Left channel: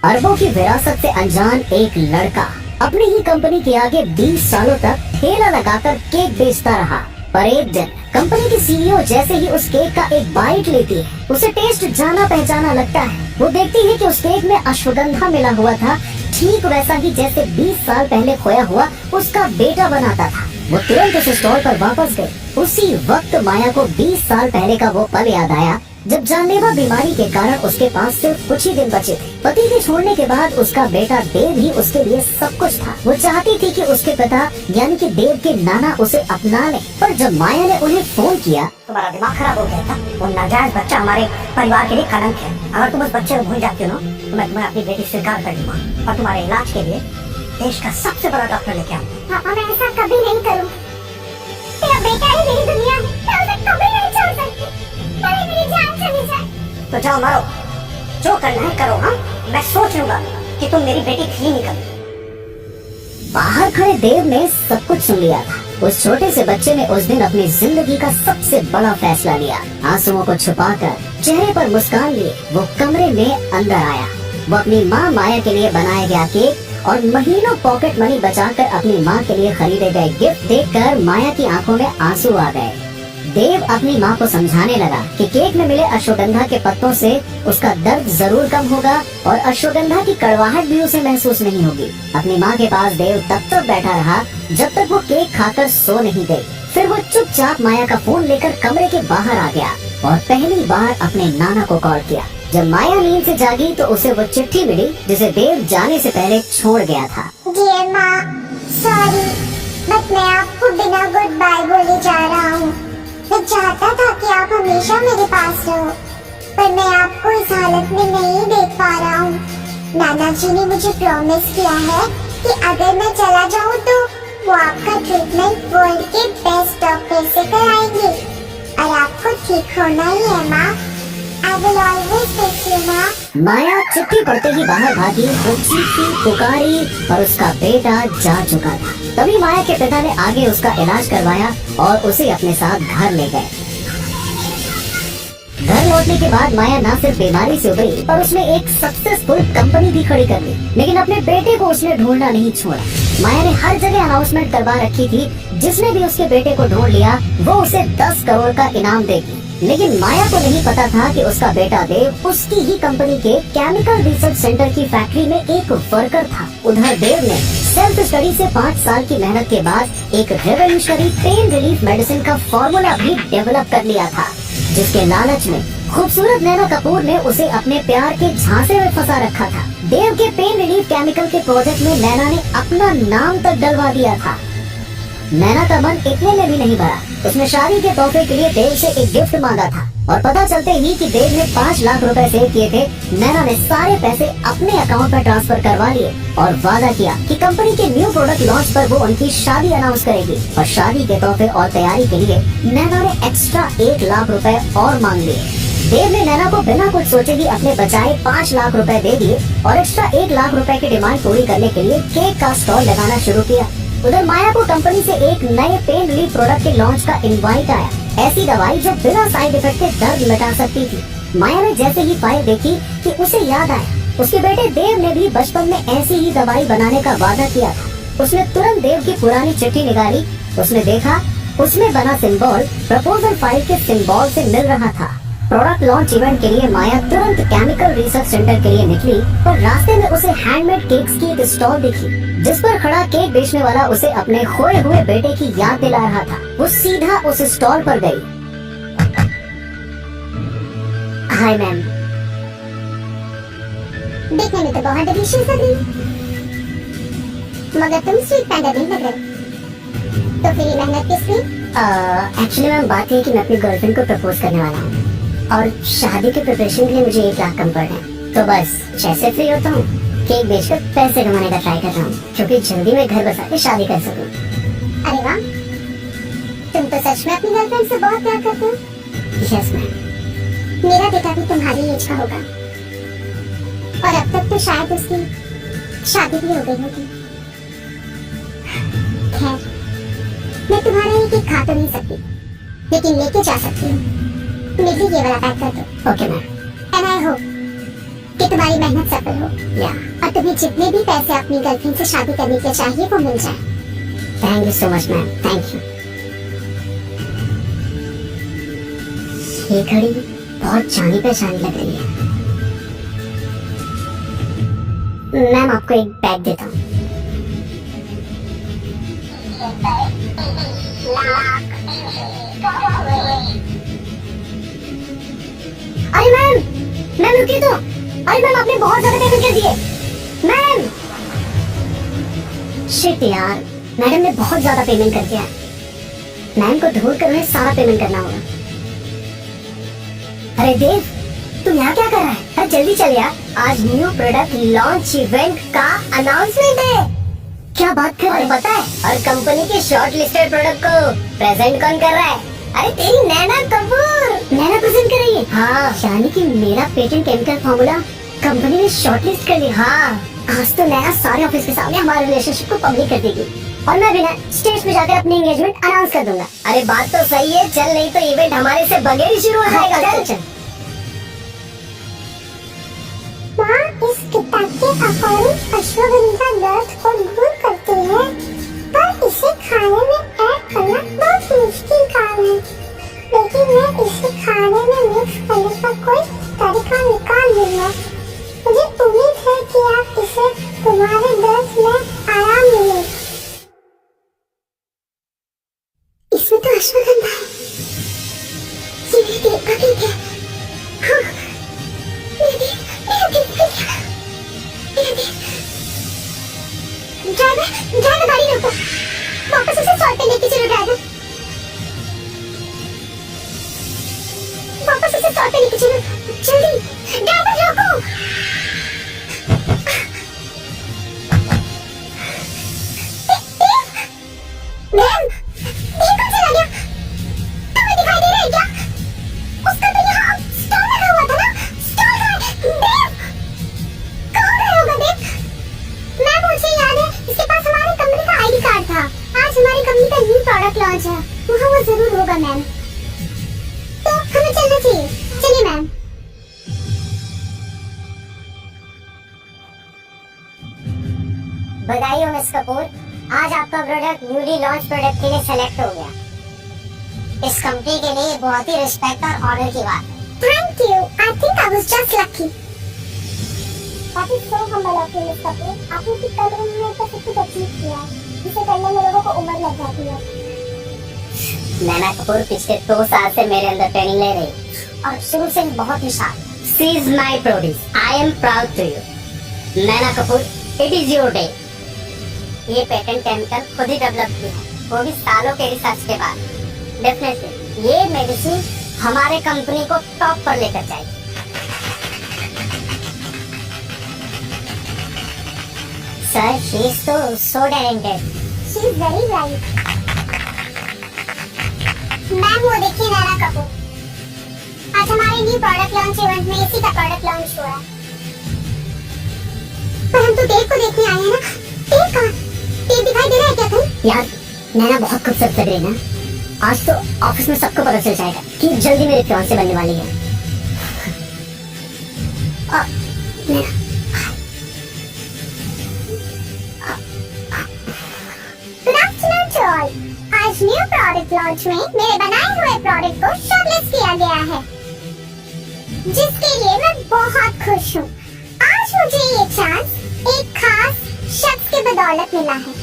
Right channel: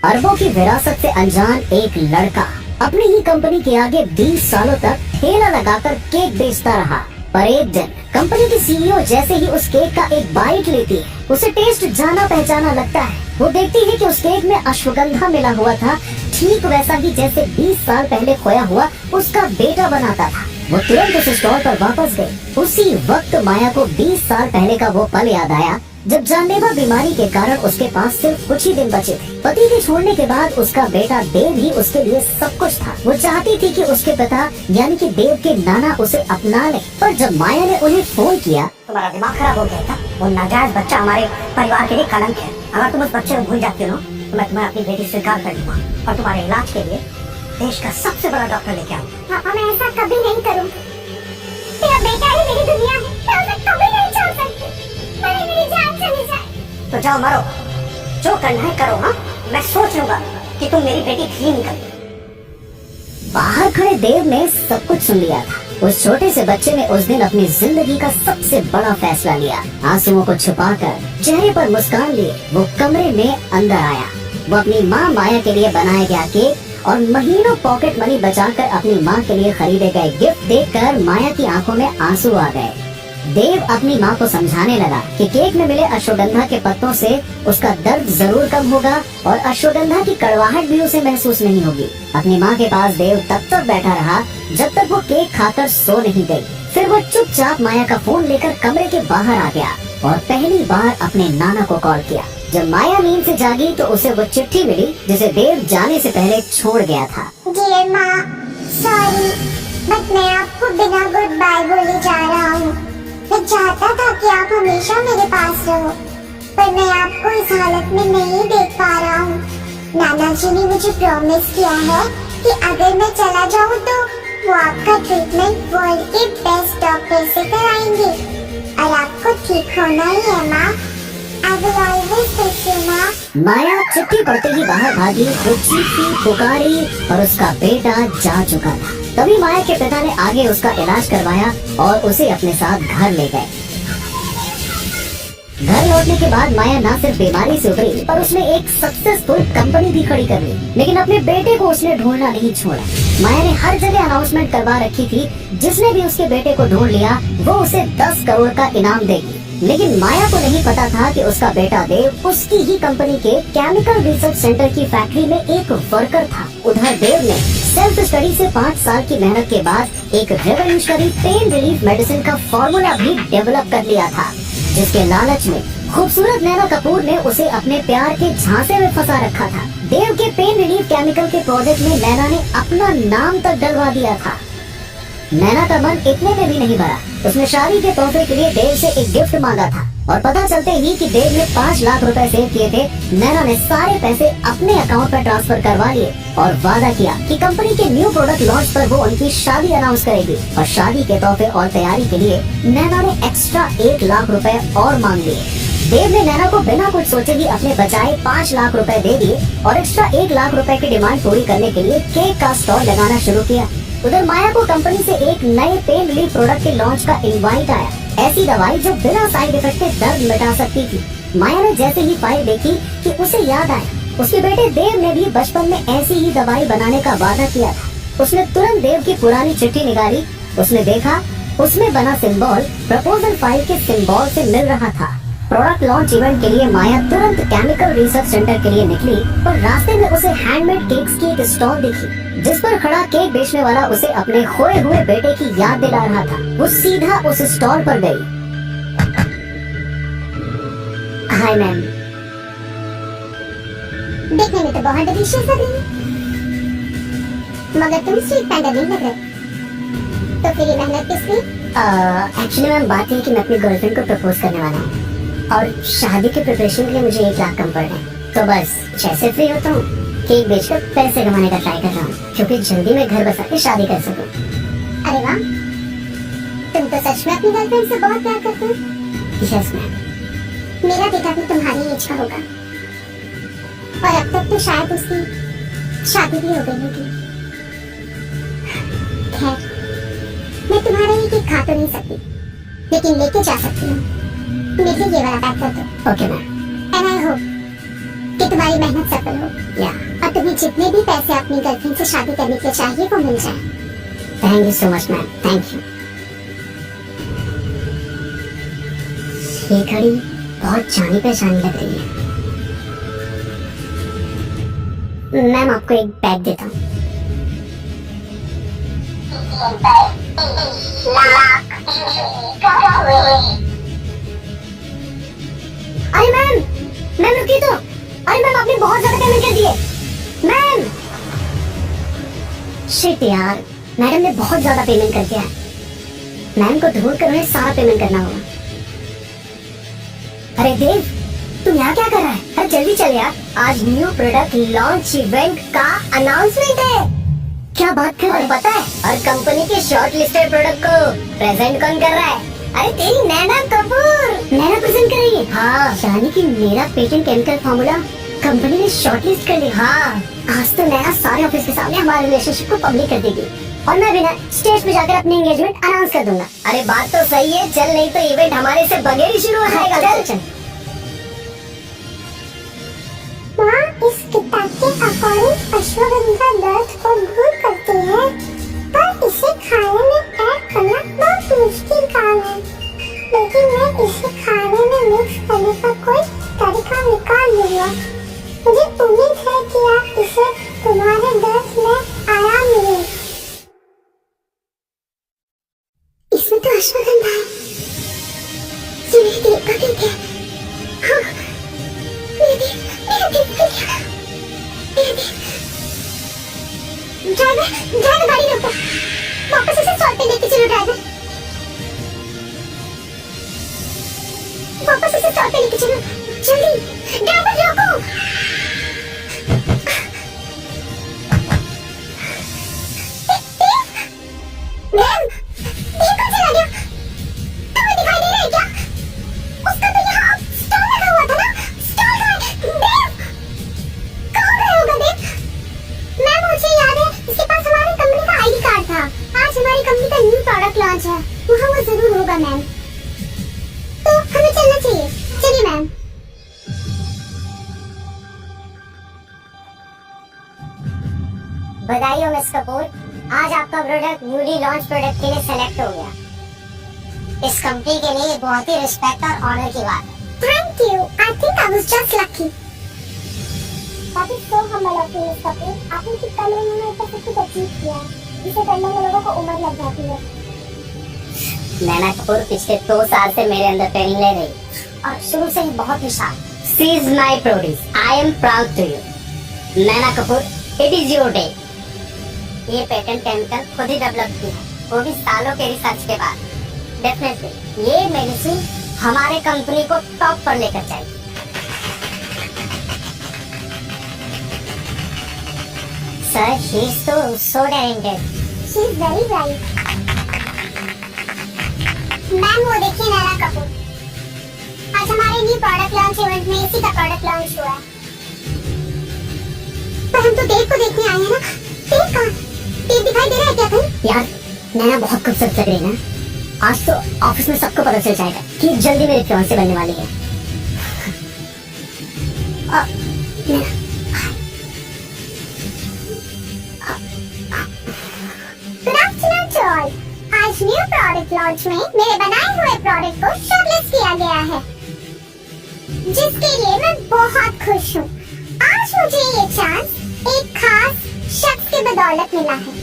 अरबों की विरासत से अनजान एक लड़का अपनी ही कंपनी के आगे 20 सालों तक ठेला लगाकर केक बेचता रहा। पर एक दिन कंपनी की सीईओ जैसे ही उस केक का एक बाइट लेती है, उसे टेस्ट जाना पहचाना लगता है। वो देखती है कि उस केक में अश्वगंधा मिला हुआ था, ठीक वैसा ही जैसे 20 साल पहले खोया हुआ उसका बेटा बनाता था। वो तुरंत उस स्टॉल पर वापस गई। उसी वक्त माया को 20 साल पहले का वो पल याद आया जब जानलेवा बीमारी के कारण उसके पास सिर्फ कुछ ही दिन बचे थे। पति के छोड़ने के बाद उसका बेटा देव ही उसके लिए सब कुछ था। वो चाहती थी कि उसके पिता यानी कि देव के नाना उसे अपना ले, पर जब माया ने उन्हें फोन किया, तुम्हारा दिमाग खराब हो गया था। वो नाजायज बच्चा हमारे परिवार के लिए कलंक है। अगर तुम उस बच्चे को भूल जाती हो ना, तो मैं तुम्हें अपनी बेटी स्वीकार कर लूंगा और तुम्हारे इलाज के लिए देश का सबसे बड़ा डॉक्टर लेके आऊंगा। पापा, मैं ऐसा कभी नहीं करूंगी। मेरा बेटा ही मेरी दुनिया है, मैं उसे कभी नहीं छोड़ सकती। भले मेरी जान चली जाए। तो जाओ मरो, जो करना है करो। हाँ, मैं सोच लूंगा कि तुम मेरी बेटी थी नहीं कभी। बाहर खड़े देव ने सब कुछ सुन लिया था। उस छोटे से बच्चे ने उस दिन अपनी जिंदगी का सबसे बड़ा फैसला लिया। आंसुओं को छुपाकर चेहरे पर मुस्कान लिए वो कमरे में अंदर आया। वो अपनी माँ माया के लिए बनाया गया केक और महीनों पॉकेट मनी बचाकर अपनी माँ के लिए खरीदे गए गिफ्ट देखकर माया की आंखों में आंसू आ गए। देव अपनी माँ को समझाने लगा कि केक में मिले अश्वगंधा के पत्तों से उसका दर्द जरूर कम होगा और अश्वगंधा की कड़वाहट भी उसे महसूस नहीं होगी। अपनी माँ के पास देव तब तक बैठा रहा जब तक वो केक खाकर सो नहीं गई। फिर वो चुपचाप माया का फोन लेकर कमरे के बाहर आ गया और पहली बार अपने नाना को कॉल किया। जब माया नींद से जागी तो उसे वो चिट्ठी मिली जिसे देव जाने से पहले छोड़ गया था। डियर माँ, सॉरी, बट मैं आपको बिना गुड बाय बोले जा रहा हूँ। मैं चाहता था कि आप हमेशा मेरे पास रहो, पर मैं आपको इस हालत में नहीं देख पा रहा हूँ। नाना जी ने मुझे प्रॉमिस किया है कि अगर मैं चला जाऊँ तो वो आपका ट्रीटमेंट वर्ल्ड के बेस्ट डॉक्टर से कराएंगे और आपको ठीक होना ही है माँ। I will always miss you, माँ। माया चिट्ठी पढ़ते ही बाहर भागी। वो चीखी पुकारी और उसका बेटा जा चुका था। तभी माया के पिता ने आगे उसका इलाज करवाया और उसे अपने साथ घर ले गए। घर लौटने के बाद माया न सिर्फ बीमारी से उभरी पर उसने एक सक्सेसफुल कंपनी भी खड़ी कर ली। लेकिन अपने बेटे को उसने ढूंढना नहीं छोड़ा। माया ने हर जगह अनाउंसमेंट करवा रखी थी, जिसने भी उसके बेटे को ढूंढ लिया वो उसे 10 करोड़ का इनाम देगी। लेकिन माया को नहीं पता था कि उसका बेटा देव उसकी ही कंपनी के केमिकल रिसर्च सेंटर की फैक्ट्री में एक वर्कर था। उधर देव ने सेल्फ स्टडी से 5 साल की मेहनत के बाद एक रेवोल्यूशनरी पेन रिलीफ मेडिसिन का फॉर्मूला भी डेवलप कर लिया था, जिसके लालच में खूबसूरत नैना कपूर ने उसे अपने प्यार के झांसे में फंसा रखा था। देव के पेन रिलीफ केमिकल के प्रोजेक्ट में नैना ने अपना नाम तक डलवा दिया था। नैना का मन इतने में भी नहीं भरा। उसने शादी के तोहफे के लिए देव से एक गिफ्ट मांगा था और पता चलते ही कि देव ने 5 लाख रुपए सेव किए थे, नैना ने सारे पैसे अपने अकाउंट पर ट्रांसफर करवा लिए और वादा किया कि कंपनी के न्यू प्रोडक्ट लॉन्च पर वो उनकी शादी अनाउंस करेगी। और शादी के तोहफे और तैयारी के लिए नैना ने एक्स्ट्रा 1 लाख रुपए और मांग लिए। देव ने नैना को बिना कुछ सोचे ही अपने बचाए 5 लाख रुपए दे दिए और एक्स्ट्रा 1 लाख रुपए की डिमांड पूरी करने के लिए केक का स्टॉल लगाना शुरू किया। उधर माया को कंपनी से एक नए पेन रिलीफ प्रोडक्ट के लॉन्च का इनवाइट आया। ऐसी दवाई जो बिना साइड इफेक्ट के दर्द मिटा सकती थी। माया ने जैसे ही फाइल देखी कि उसे याद आया उसके बेटे देव ने भी बचपन में ऐसी ही दवाई बनाने का वादा किया था। उसने तुरंत देव की पुरानी चिट्ठी निकाली। उसने देखा उसमें बना सिंबल प्रपोजल फाइल के सिंबल से मिल रहा था। प्रोडक्ट लॉन्च इवेंट के लिए माया तुरंत केमिकल रिसर्च सेंटर के लिए निकली, पर रास्ते में उसे हैंडमेड केक्स की एक स्टॉल दिखी जिस पर खड़ा केक बेचने वाला उसे अपने खोए हुए बेटे की याद दिला रहा था। वो सीधा उस स्टॉल पर गई। हाय मैम, देखने में तो बहुत डिलीशियस लग रही है, मगर तुम स्वीट पैंडा नहीं लग रहे, तो फिर ये मेहनत किस लिए? एक्चुअली मैम बात है कि मैं अपनी गर्लफ्रेंड को प्रपोज करने वाला हूँ और शादी के प्रिपरेशन के लिए मुझे 1 लाख कम पड़ रहे हैं। तो बस जैसे फ्री होता हूँ केक बेचकर पैसे कमाने का ट्राई कर रहा हूँ, क्योंकि जल्दी में घर बसा के शादी कर सकूँ। अरे वाह, तुम तो सच में अपनी गर्लफ्रेंड से बहुत प्यार करते हो। Yes ma'am. मेरा बेटा भी तुम्हारी एज का होगा और अब तक तो शायद उसकी शादी भी हो गई होगी। खैर, मैं तुम्हारा ये केक खा तो नहीं सकती, लेकिन लेके जा सकती हूँ। मेरे लिए ये वाला पैक कर दो। Okay ma'am. And I hope कि तुम्हारी मेहनत सफल हो या और तुम्हें जितने भी पैसे अपनी गर्लफ्रेंड से शादी करने के लिए चाहिए वो मिल जाए। Thank you so much ma'am, thank you. ये घड़ी बहुत जानी पहचानी लग रही है। मैम आपको एक बैग देता हूँ। अरे मैम रुकिए तो। अरे मैम आपने बहुत ज्यादा पेमेंट कर दिए मैम। शिट यार, मैडम ने बहुत ज्यादा पेमेंट कर दिया है। मैम को ढूंढ कर उन्हें सारा पेमेंट करना होगा। अरे देव, तुम यहाँ क्या कर रहा है? अरे जल्दी चल यार, आज न्यू प्रोडक्ट लॉन्च इवेंट का अनाउंसमेंट है। क्या बात कर रहे हैं? पता है और कंपनी के शॉर्ट लिस्टेड प्रोडक्ट को प्रेजेंट कौन कर रहा है? अरे तेरी नैना कपूर। नैना प्रेजेंट कर रही है? हाँ, यानी कि मेरा पेटेंट केमिकल फॉर्मूला कंपनी ने शॉर्टलिस्ट कर लिया। हाँ, आज तो नैना सारे ऑफिस के सामने हमारे रिलेशनशिप को पब्लिक कर देगी और मैं भी ना स्टेज पे जाकर अपनी एंगेजमेंट अनाउंस कर दूंगा। अरे बात तो सही है, चल नहीं तो इवेंट हमारे से बगैर ही शुरू हो जाएगा। चल चल। माँ, इस किताब के अकॉर्डिंग अश्वगंधा दर्द को दूर करती है, पर इसे खाने में ऐड करना बहुत मुश्किल काम है। लेकिन मैं इसे खाने में मिक्स करने का कोई तरीका निकाल लूंगा। मुझे उम्मीद है कि आप इसे तुम्हारे दर्द में आराम मिलेगा। इसमें तो अश्वगंधा है। ये मेरे देव का केक है। हाँ, मेरे देव ड्राइवर गाड़ी रोको, वापस उसे सॉल्ट पे लेके चलो। ड्राइवर वापस उसे सॉल्ट पे लेके चलो, जल्दी। ड्राइवर रोको। मैम, ये कौन चला गया? तुम्हें दिखाई दे रहा है क्या? उसका तो यहाँ स्टॉल लगा हुआ था ना। स्टॉल का देव कहाँ गए होगा देव? मैम, मुझे याद है इसके पास हमारी कंपनी का आईडी कार्ड था। आज हमारी कंपनी का न्यू प्रोडक्ट लॉन्च है, वहाँ वो जरूर होगा मैम। तो हमें चलना चाहिए। चलिए मैम। बधाई हो मिस कपूर, आज आपका प्रोडक्ट न्यूली लॉन्च प्रोडक्ट के लिए सेलेक्ट हो गया। इस कंपनी के लिए ये बहुत ही रिस्पेक्ट और ऑनर की बात है। Thank you. I think I was just lucky. That is so humble of you, Miss Kapoor. आपने इतनी कम उम्र में इतना सब कुछ अचीव किया है, जिसे करने में लोगों को उम्र लग जाती है। नैना कपूर पिछले 2 साल से मेरे अंदर ट्रेनिंग ले रही और शुरू से ही बहुत ही शार्प। She is my produce. I am proud to you. Naina Kapoor, it is your day. ये पेटेंट केमिकल खुद ही डेवलप किया है, वो भी सालों के रिसर्च के बाद। डेफिनेटली ये मेडिसिन हमारे कंपनी को टॉप पर लेकर जाएगी। Sir, she is so talented. She is very bright. Ma'am, वो देखिए नैना कपूर। आज हमारे न्यू प्रोडक्ट लॉन्च इवेंट में इसी का प्रोडक्ट लॉन्च हुआ है। पर हम तो देव को देखने आए हैं ना। देव कहाँ? देव दिखाई दे रहा है क्या कहीं? यार, नैना बहुत खूबसूरत लग रही है ना। आज तो ऑफिस में सबको पता चल जाएगा कि जल्दी मेरे फियांसे बनने वाली है। नैना, गुड आफ्टरनून टू ऑल। आज न्यू प्रोडक्ट लॉन्च में मेरे बनाए हुए प्रोडक्ट को शॉर्टलिस्ट किया गया है, जिसके लिए मैं बहुत खुश हूँ। आज मुझे ये चांस एक खास शख्स की बदौलत मिला है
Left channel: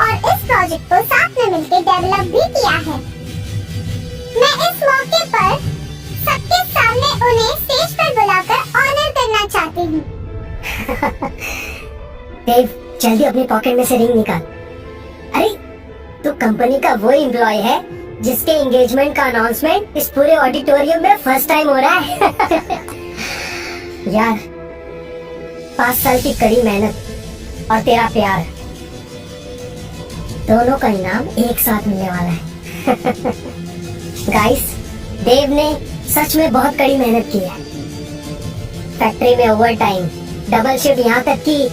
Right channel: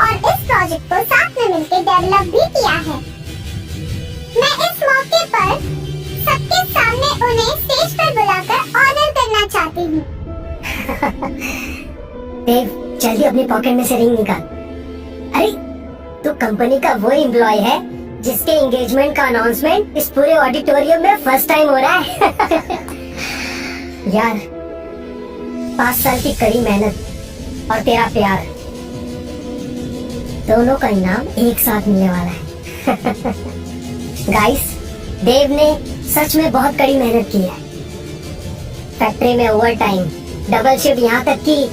और इस प्रोजेक्ट को साथ में मिलकर डेवलप भी किया है। मैं इस मौके पर सबके सामने उन्हें स्टेज पर बुलाकर ऑनर करना चाहती हूँ। देव, जल्दी अपनी पॉकेट में से रिंग निकाल। अरे, तू कंपनी का वो एम्प्लॉय है जिसके एंगेजमेंट का अनाउंसमेंट इस पूरे ऑडिटोरियम में फर्स्ट टाइम हो रहा है। यार, 5 साल की कड़ी मेहनत और तेरा प्यार, दोनों का इनाम एक साथ मिलने वाला है। गाइस, देव ने सच में बहुत कड़ी मेहनत की है। फैक्ट्री में ओवर टाइम, डबल शिफ्ट, यहाँ तक कि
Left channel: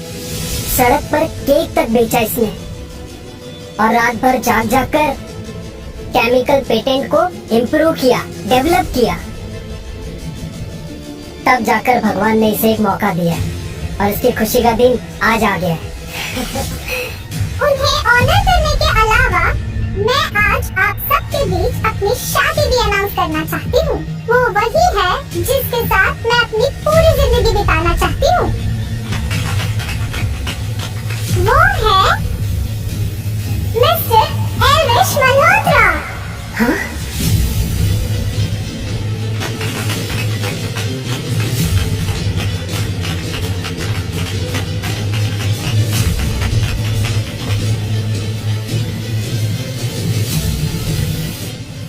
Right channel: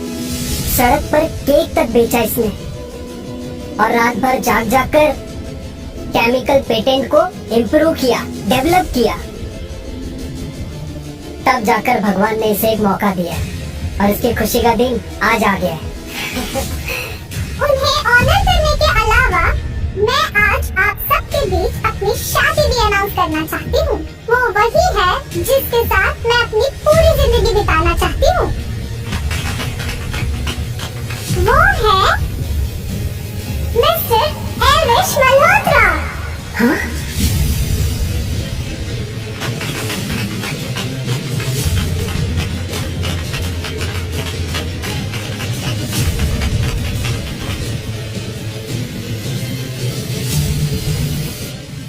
सड़क पर केक तक बेचा इसने और रात भर जाग जाग कर केमिकल पेटेंट को इम्प्रूव किया, डेवलप किया। तब जाकर भगवान ने इसे एक मौका दिया और इसकी खुशी का दिन आज आ गया है। उन्हें ऑनर करने के अलावा मैं आज आप सबके बीच अपनी शादी भी अनाउंस करना चाहती हूँ। वो वही है जिसके साथ मैं अपनी पूरी जिंदगी बिताना चाहती हूँ। वो है मिस्टर एल्विश मल्होत्रा। हाँ?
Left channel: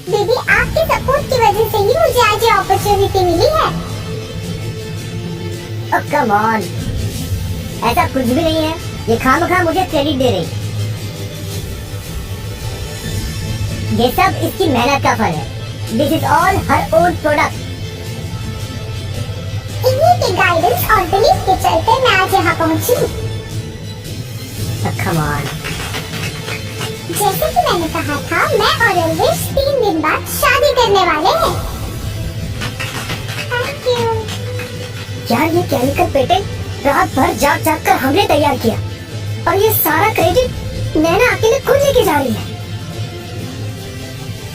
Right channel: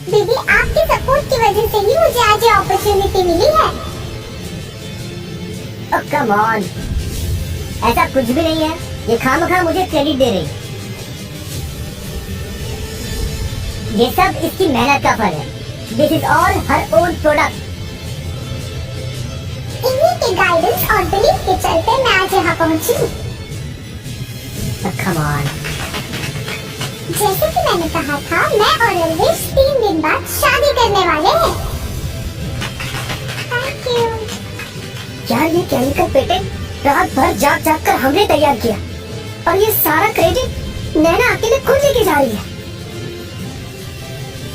दीदी, आपके सपोर्ट की वजह से ही मुझे आज ये अपॉर्चुनिटी मिली है। Oh, come on. ऐसा कुछ भी नहीं है, ये खामखा मुझे क्रेडिट दे रही। ये सब इसकी मेहनत का फल है। This is all her own product. इन्हीं के गाइडेंस और बिलीफ के चलते मैं आज यहाँ पहुँची हूँ। Oh, come on. जैसे कि मैंने कहा था, मैं और एल्विश 3 दिन बाद शादी करने वाले हैं। Thank you. यार ये केमिकल पेटे रात भर जाग जाग कर हमने तैयार किया और ये सारा क्रेडिट नैना अकेले खुद लेके जा रही है।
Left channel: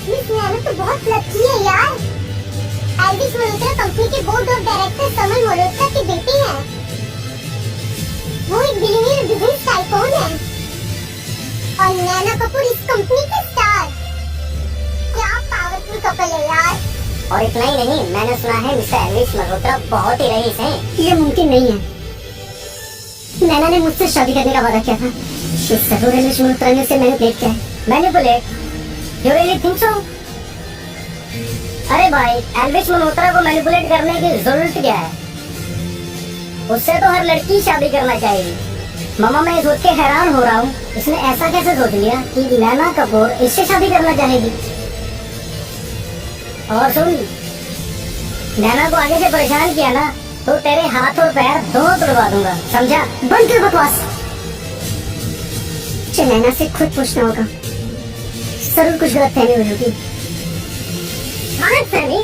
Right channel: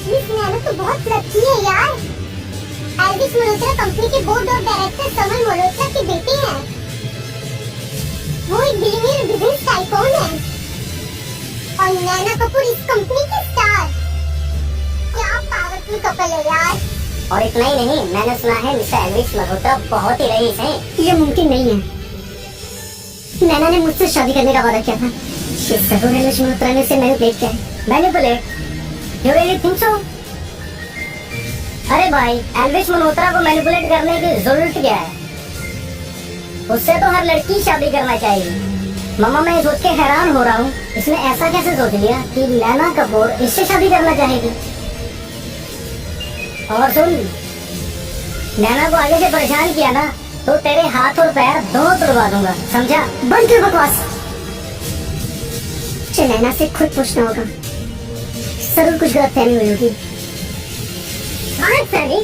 मिस नैना तो बहुत लकी है यार। एल्विश मल्होत्रा कंपनी के बोर्ड ऑफ डायरेक्टर समन मल्होत्रा की बेटी है। वो एक बिलियनियर बिजनेस टाइकून है और नैना कपूर इस कंपनी के स्टार। क्या पावरफुल कपल है यार। और इतना ही नहीं, मैंने सुना है मिस्टर एल्विश मल्होत्रा बहुत ही रईस हैं। ये मुमकिन नहीं है। नैना ने मुझसे शादी करने का वादा किया था। शिट, जरूर एल्विश मल्होत्रा ने उसे मैनिपुलेट किया है। Manipulate? You really think so? अरे भाई, एल्विश मल्होत्रा को मैनिपुलेट करने की जरूरत क्या है? उससे तो हर लड़की शादी करना चाहिए। मामा, मैं ये सोच के हैरान हो रहा हूँ, इसने ऐसा कैसे सोच लिया कि नैना कपूर इससे शादी करना चाहेगी। और सुन, नैना को आगे से परेशान किया ना तो तेरे हाथ और पैर दोनों तोड़वा दूंगा, समझा? बंद कर बकवास। मुझे नैना से खुद पूछना होगा। जरूर कुछ गलतफहमी हुई होगी। गलतफहमी?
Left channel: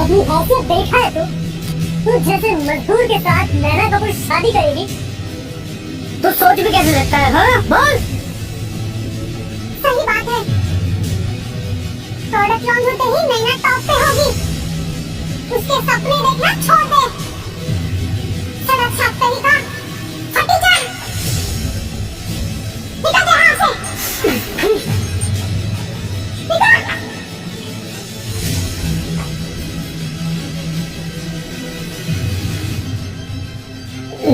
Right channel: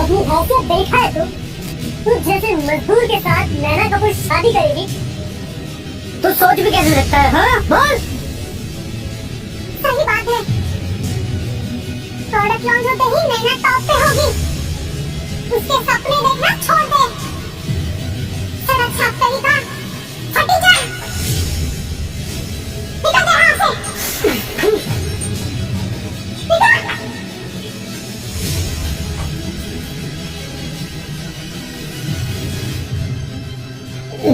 अपनी हैसियत देखा है तू जैसे मजदूर के साथ नैना कपूर शादी करेगी? तू सोच भी कैसे सकता है? हाँ बोल। सही बात है। प्रोडक्ट लॉन्च होते ही नैना टॉप पे होगी। उसके सपने देखना छोड़ दे। सड़क छाप तरीका फटी जा। निकल जा यहाँ से। निकल।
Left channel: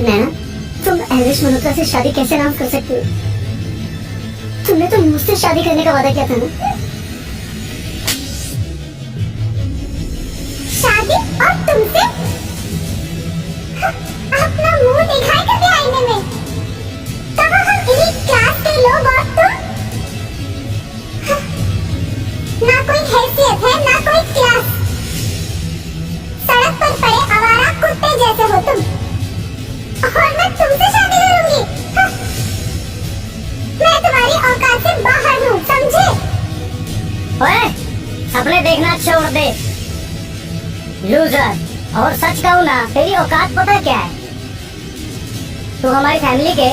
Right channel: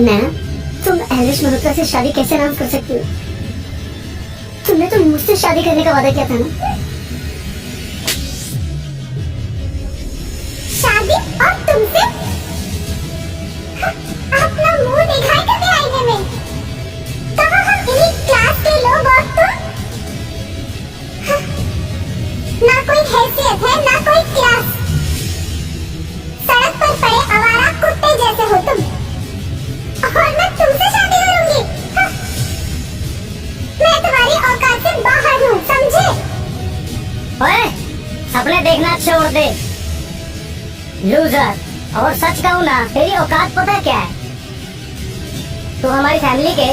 नैना, तुम एल्विश मल्होत्रा से शादी कैसे अनाउंस कर सकती हो? तुमने तो मुझसे शादी करने का वादा किया था ना। शादी और तुमसे? अपना मुंह दिखाई कभी आईने में। कहाँ हम इन्हीं क्लास के लोग और तुम? ना कोई हैसियत है ना कोई क्लास। सड़क पर पड़े आवारा कुत्ते जैसे हो तुम। और मैं तुमसे शादी करूंगी? मैं तुम्हारी औकात से बाहर हूँ, समझे? ओए, सपने देखना छोड़ दे लूजर। और सच कहूँ ना, तेरी औकात पता क्या है? तू हमारी फैमिली के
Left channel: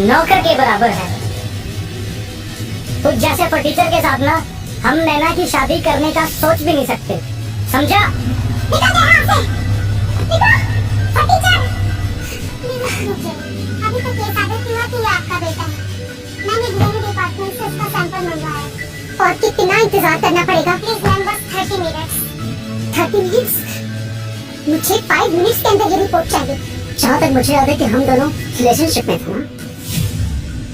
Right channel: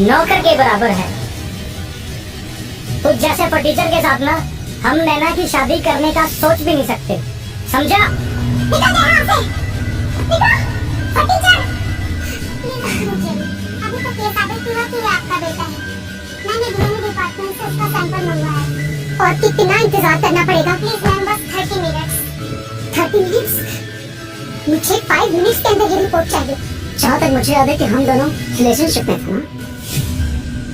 नौकर के बराबर है। तू जैसे फटीचर के साथ ना हम नैना की शादी करने का सोच भी नहीं सकते, समझा? निकल जा यहाँ से। निकल, फटीचर। अभी तक ये साबित हुआ कि ये आपका बेटा है। मैंने डीएनए डिपार्टमेंट से उसका सैंपल मंगवाया। और कितना इंतजार करना पड़ेगा? प्लीज मैम, बस 30 मिनट्स। 30 मिनट्स? मुझे 5 मिनट्स के अंदर ये रिपोर्ट चाहिए। जहाँ तक मुझे याद है कि हम दोनों रिलेशनशिप में थे ना,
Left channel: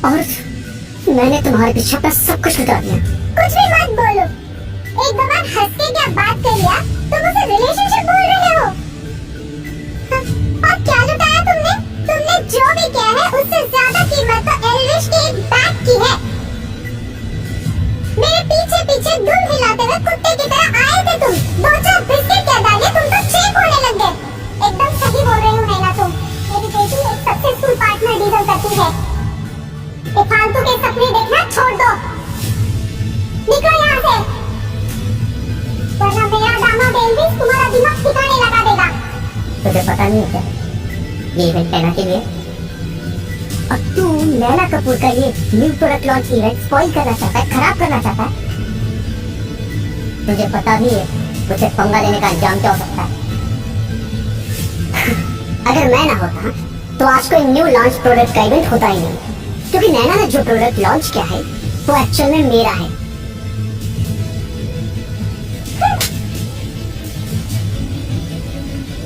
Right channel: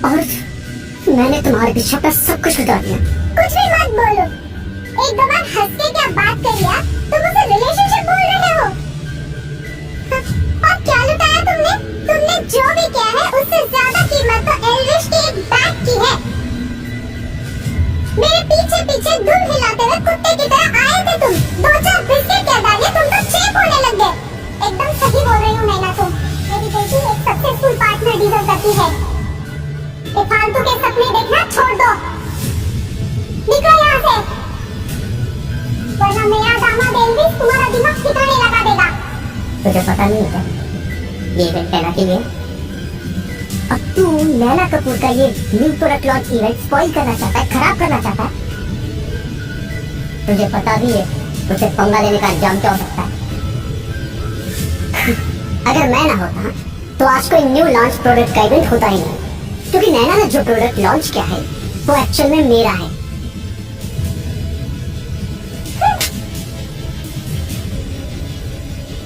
और मैंने तुम्हारे पीछे अपना सब कुछ लुटा दिया। कुछ भी मत बोलो। एक दो बार हंस के क्या बात कर लिया, तुम उसे रिलेशनशिप बोल रहे हो? और क्या लुटाया तुमने? तुमने जो भी किया है उससे ज्यादा कीमत तो एल्विश के एक बैग की है। मेरे पीछे पीछे दुम हिलाते हुए कुत्ते की तरह आए थे तुम। 2-4 बिस्किट क्या डाले, तुम तो चेप होने लग गए। एकदम सही बोल रही हूँ नैना, तुम मेरी बेटी एक सक्सेसफुल पार्टनर डिजर्व करती है। ये फालतू के सपने देखना छोड़ दो। निकलो यहाँ से, वरना मेरा दामाद एल्विश तुम्हारा दिमाग ठिकाने लगा देगा। तुझे पता नहीं है क्या ये इवेंट नैना के लिए? अब तू नैना कपूर का ये new product launch event spoil करना चाहता है, खराब करना चाहता है। तुझे पता भी है तुझे पंगा लेने का अंजाम क्या हो सकता है? अगर मैं ना होता तो आज कोई न्यू लॉन्च प्रोडक्ट का इवेंट होता ही नहीं, क्योंकि नैना ने जो प्रोडक्ट लॉन्च किया है वो एक्चुअल में मेरा है।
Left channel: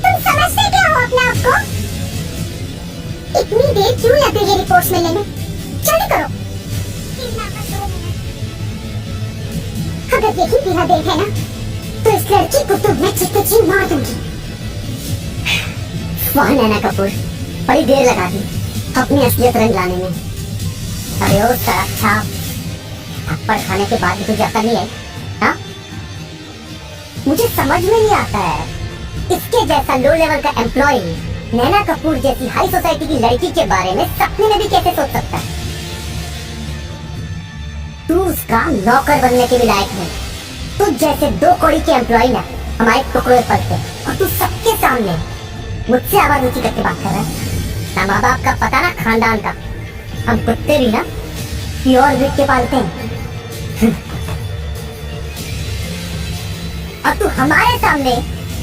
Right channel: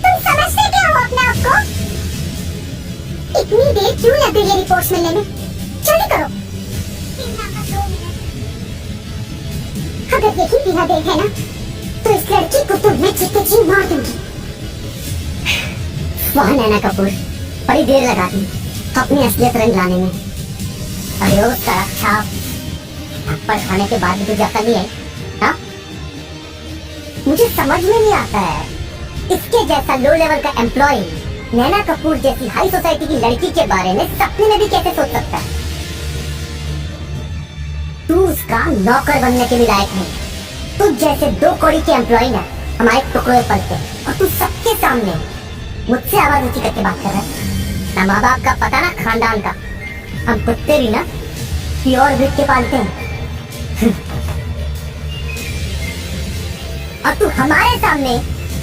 तुम समझते क्या हो अपने आप को? इतनी देर क्यों लग गई है रिपोर्ट्स मिलने में? जल्दी करो। अगर यही पीला देख है ना तो इस लड़की को तो मैं चीख के मार दूंगी। वाह नैना कपूर, बड़ी देर लगा दी अपनी असलियत रंग लाने में। अबे ओ सड़क छाप, थप्पड़ खाने के बाद भी तुझे अकल नहीं आई? हाँ, मुझे समझ में नहीं आता है इसके जैसा लो लेवल का एम्प्लॉय नैना कपूर जैसी हाई सोसाइटी की लड़की के बारे में सपने में भी कैसे सोच सकता है? तू उसका नौकर बनने के भी लायक नहीं। तू जैसे 2 कौड़ी के एम्प्लॉय ना हमारे टुकड़े पलते, और तू सबके सामने मुझसे आवाज ऊंची करके बात कर रहा है। ना माँ बाप का पता ना खानदान का। हम कुत्ते भी ना प्योर ब्रीड के पालते हैं। और तू हमारे सामने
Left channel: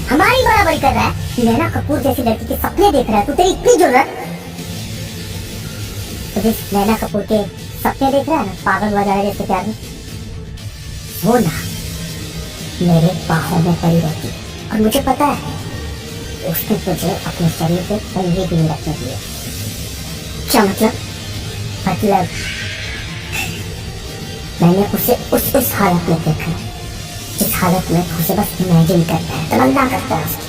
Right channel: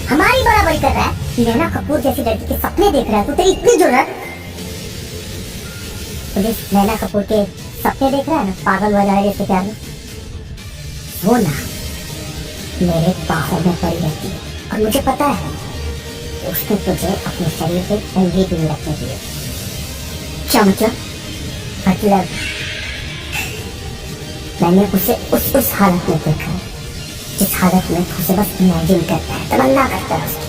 हमारी बराबरी कर रहा है। नैना कपूर जैसी लड़की के सपने देख रहा है। तू तेरी इतनी जरूरत, तो जिस नैना कपूर के सपने देख रहा है ना पागल हो जाएगा इसके प्यार में, वो ना मेरे बाहों में पड़ी रहती है। और मुझे पता है उसने तुझे अपने शरीर पे उंगली भी नहीं रखने दी है। क्या मतलब? मतलब मैंने उसे उस हालत में देखा है जिस हालत में तू उसे बस इमेजिन करता है, तमन्ना करता है उसकी।